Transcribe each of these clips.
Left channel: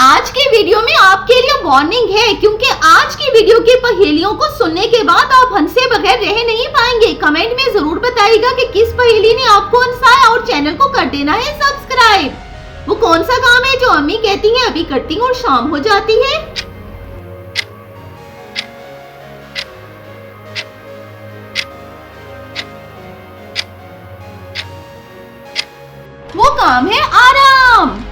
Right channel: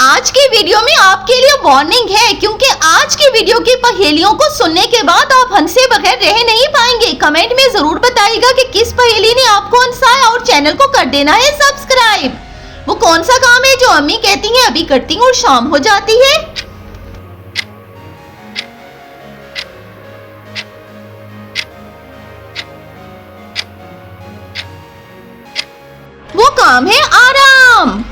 आज के वीडियो में आपके लिए वार्निंग है, क्योंकि आज की वीडियो की पहेलियों को सुनने के बाद आप हंसे बगैर रह नहीं पाएंगे। कमेंट में जरूर बताइएगा कि किस पहेली ने आपको हंसाया और चैनल को कर देना है सब्सक्राइब। वो कौन सा काम है जो अम्मी कहती हैं अभी करती हूँ और शाम हो जाती है? वो काम है आराम।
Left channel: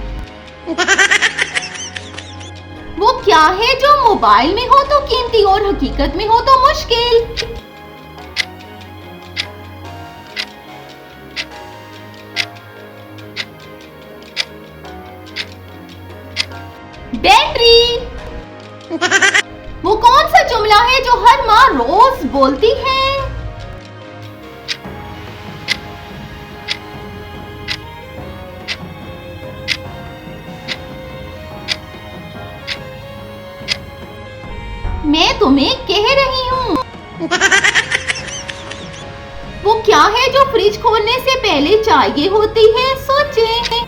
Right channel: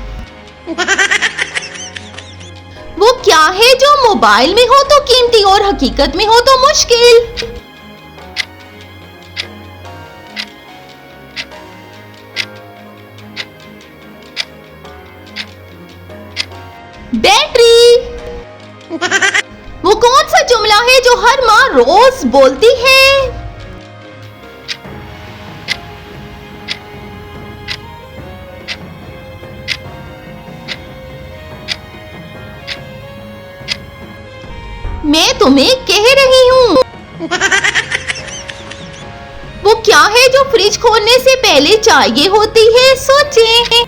वो क्या है जो मोबाइल में हो तो कीमती और हकीकत में हो तो मुश्किल? बैटरी। वो कौन सा जुमला है जो हर माँ रोज बोलती है? मैं तुम्हें कह रही हूँ। वो क्या है जो फ्रिज खोलने से पहले चाहिए होती है? सोचें।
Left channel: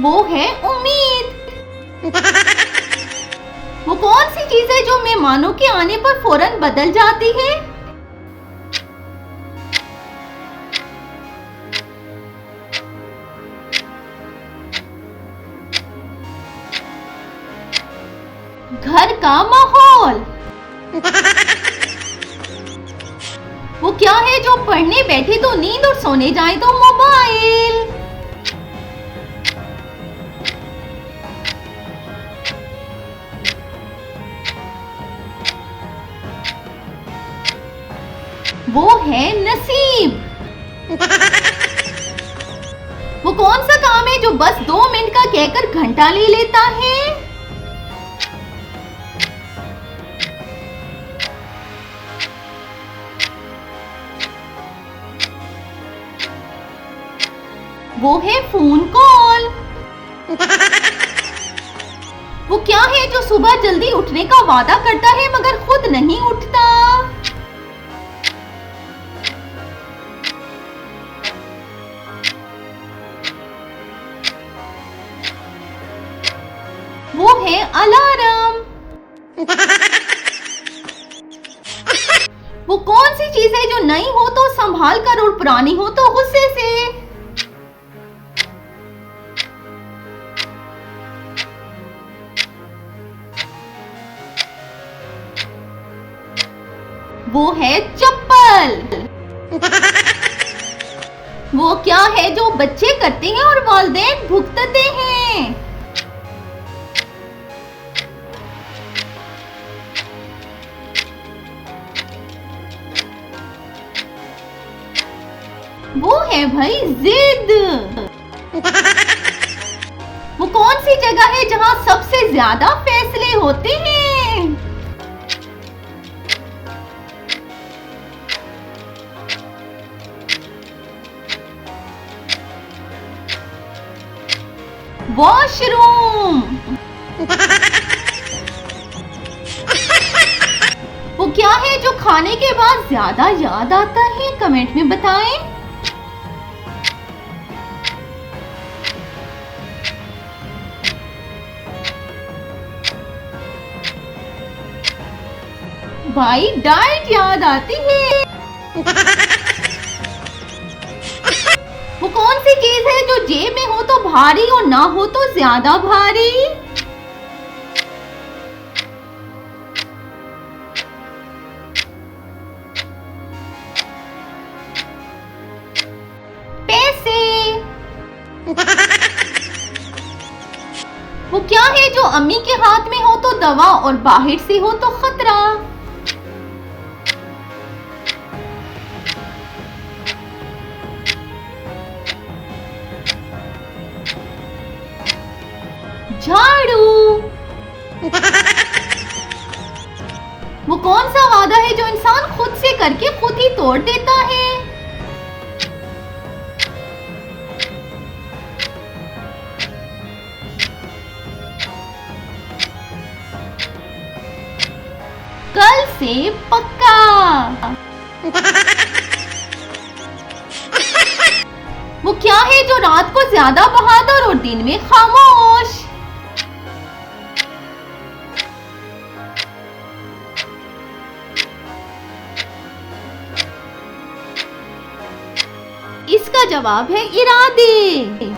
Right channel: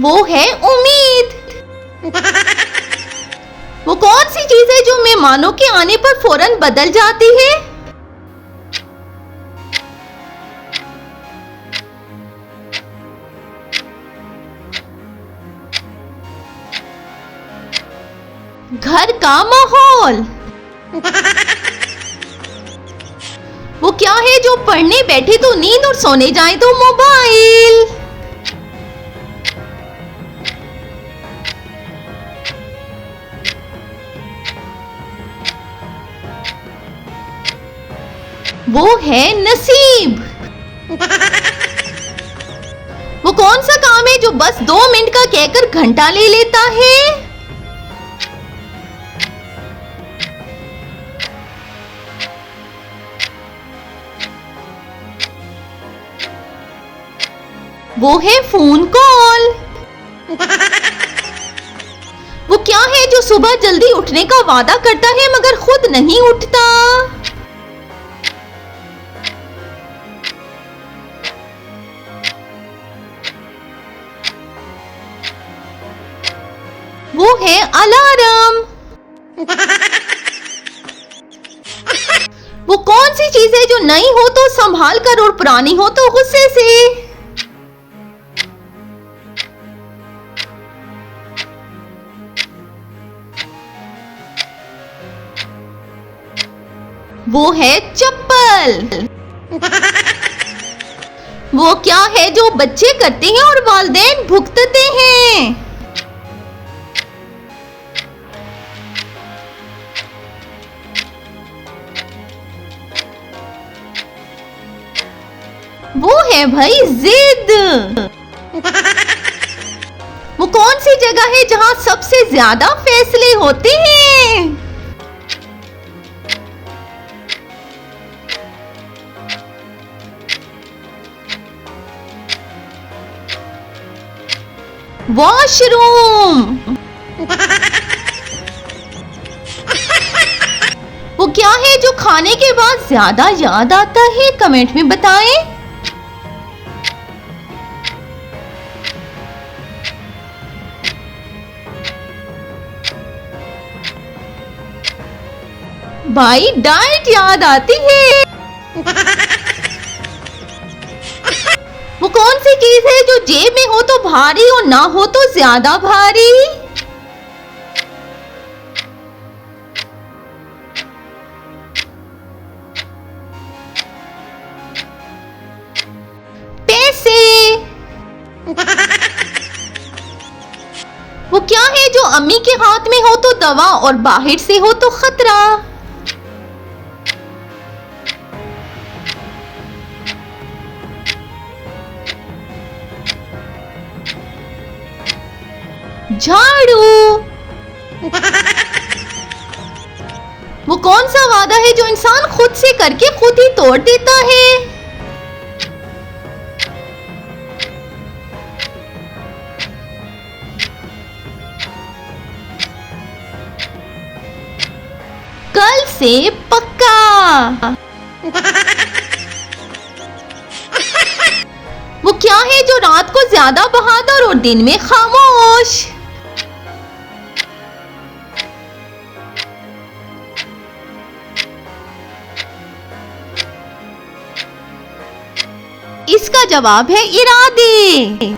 वो है उम्मीद। वो कौन सी चीज है जो मेहमानों के आने पर फौरन बदल जाती है? घर का माहौल। वो क्या है जो पढ़ने बैठे तो नींद और सोने जाए तो मोबाइल? वो है नसीब। वो कौन सा काम है जो बस 2 मिनट का कहकर घंटा ले लेता है? वो है फोन कॉल। वो क्या है जो सुबह जल्दी उठने का वादा करता है मगर खुद नहीं उठता? वो है अलार्म। वो कौन सी चीज है जो नई हो तो संभाल कर और पुरानी हो तो गुस्से से? वो है चप्पल। वो क्या है जो बच्चे करते हैं और वालिदैन भुगतते हैं? वो है भाई जिद। वो कौन सी जगह है जहां सबसे ज्यादा फैसले होते हैं? वॉशरूम। वो क्या है जो खाने के बाद ज्यादा याद आता है? कमेंट में बताएं। भाई डाइट याद आती है। वो कौन सी चीज है जो जेब में हो तो भारी और ना हो तो ज्यादा भारी? पैसे। वो क्या है जो अम्मी के हाथ में हो तो दवा और बाहर से हो तो खतरा? झाड़ू। वो कौन सा वादा है जो इंसान खुद से करके खुद ही तोड़ देता है? कल से पक्का। जो रात को ज्यादा बहादुर और दिन में खामोश? इसका जवाब है इरादे।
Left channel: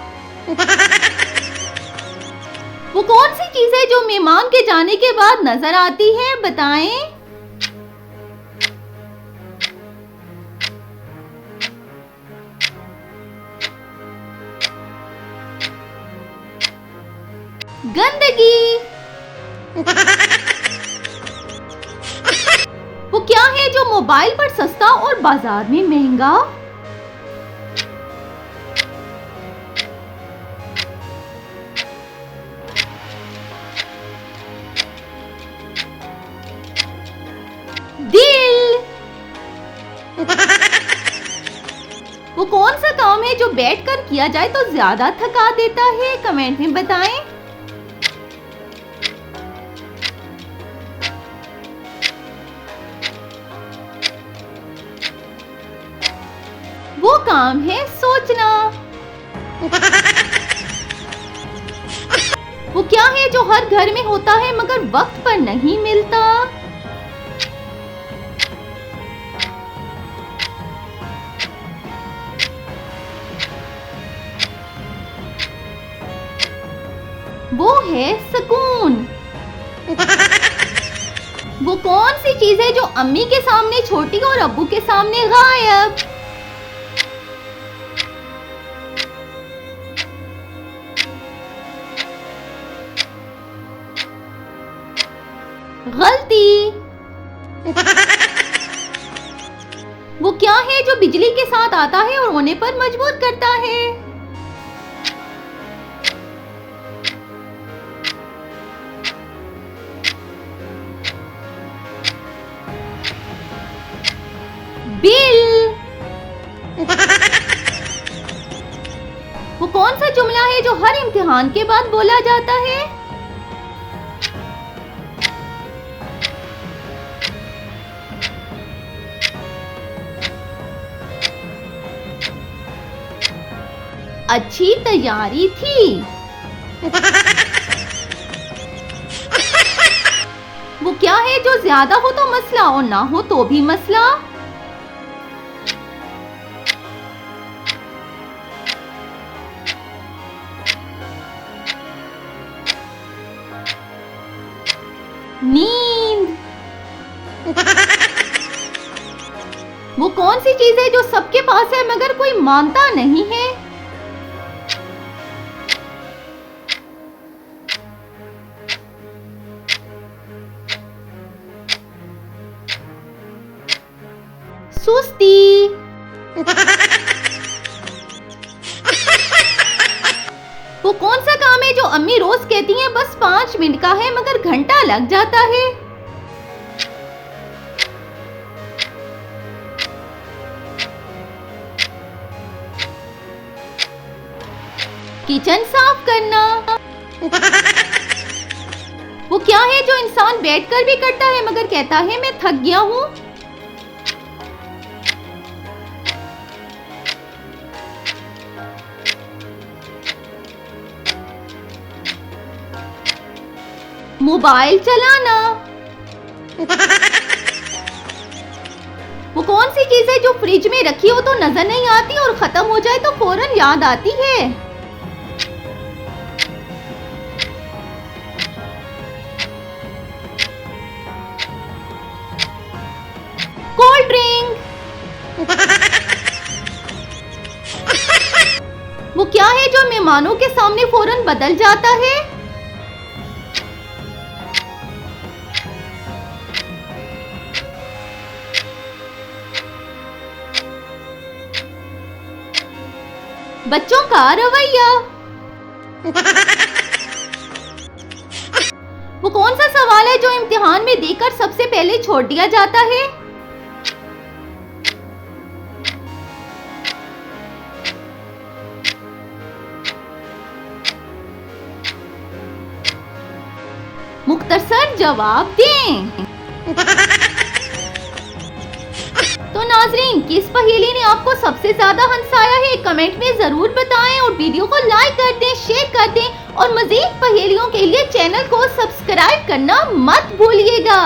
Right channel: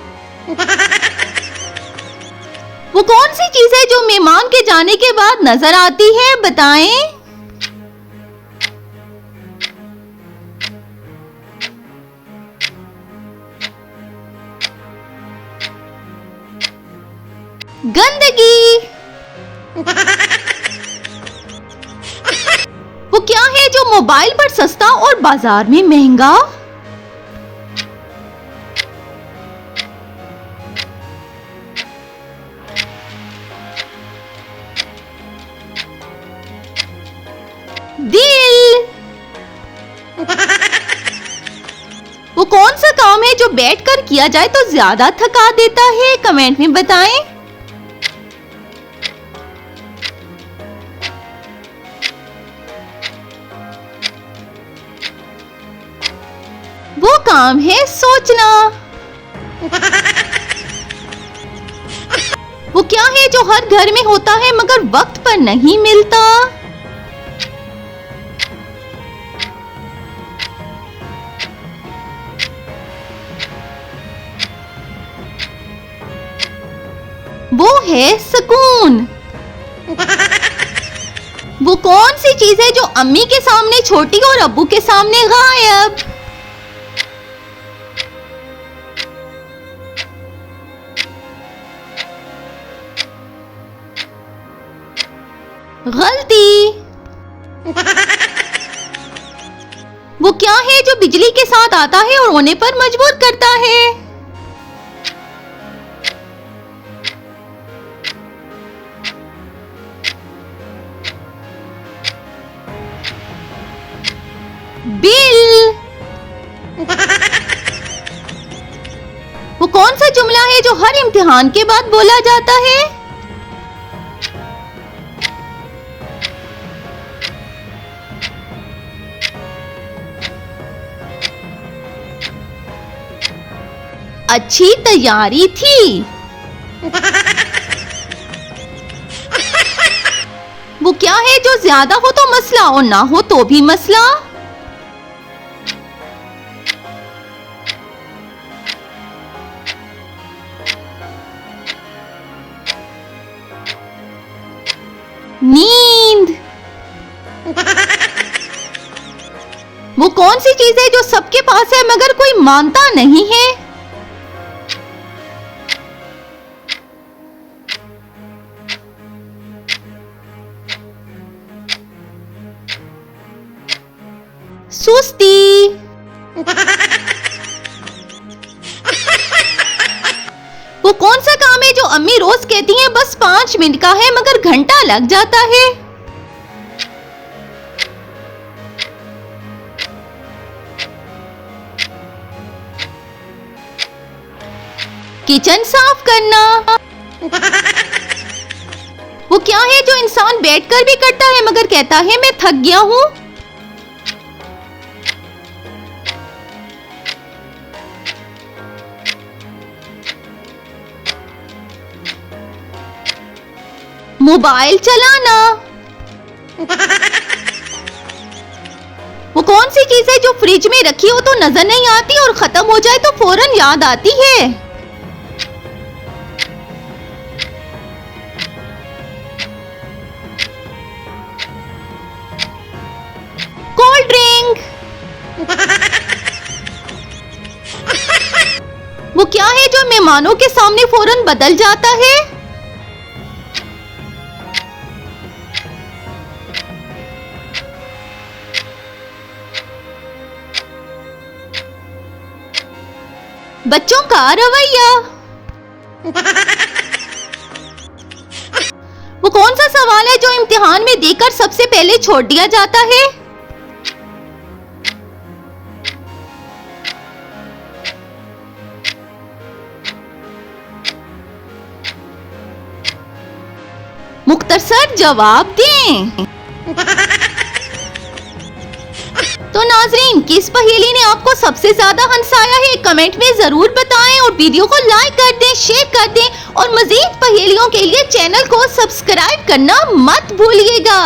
वो कौन सी चीज है जो मेहमान के जाने के बाद नजर आती है, बताएं? गंदगी। वो क्या है जो मोबाइल पर सस्ता और बाजार में महंगा? दिल। वो कौन सा काम है जो बैठकर किया जाए तो ज्यादा थका देता है, कमेंट में बताएं। वो काम है सोचना। वो क्या है जो हर घर में होता है मगर वक्त पर नहीं मिलता? वो है सुकून। वो कौन सी चीज है जो अम्मी के सामने छोटी और अब्बू के सामने गायब? गलती। वो क्या है जो बिजली के साथ आता है और होने पर मजबूर करता है? बिल। वो कौन सा जुमला है जो हर इम्तिहान के बाद बोला जाता है? अच्छी तैयारी थी। वो क्या है जो ज्यादा हो तो मसला और ना हो तो भी मसला? नींद। वो कौन सी चीज है जो सबके पास है मगर कोई मानता नहीं है? सुस्ती। वो कौन सा काम है जो अम्मी रोज कहती हैं बस 5 मिनट का है मगर घंटा लग जाता है? किचन साफ करना। वो क्या है जो इंसान बैठकर भी करता है मगर कहता है मैं थक गया हूं? मोबाइल चलाना। वो कौन सी चीज है जो फ्रिज में रखी हो तो नजर नहीं आती और खत्म हो जाए तो फौरन याद आती है? Cold drink. वो क्या है जो मेहमानों के सामने फौरन बदल जाता है? बच्चों का रवैया। वो कौन सा सवाल है जो इम्तिहान में देकर सबसे पहले छोड़ दिया जाता है? मुख्तसर जवाब दें। तो नाजरीन, किस पहेली ने आपको सबसे ज्यादा हंसाया है, कमेंट कमेंट में जरूर बताएं और वीडियो को लाइक कर दें, शेयर कर दें और मजीद पहेलियों के लिए चैनल को सब्सक्राइब करना मत भूलिएगा।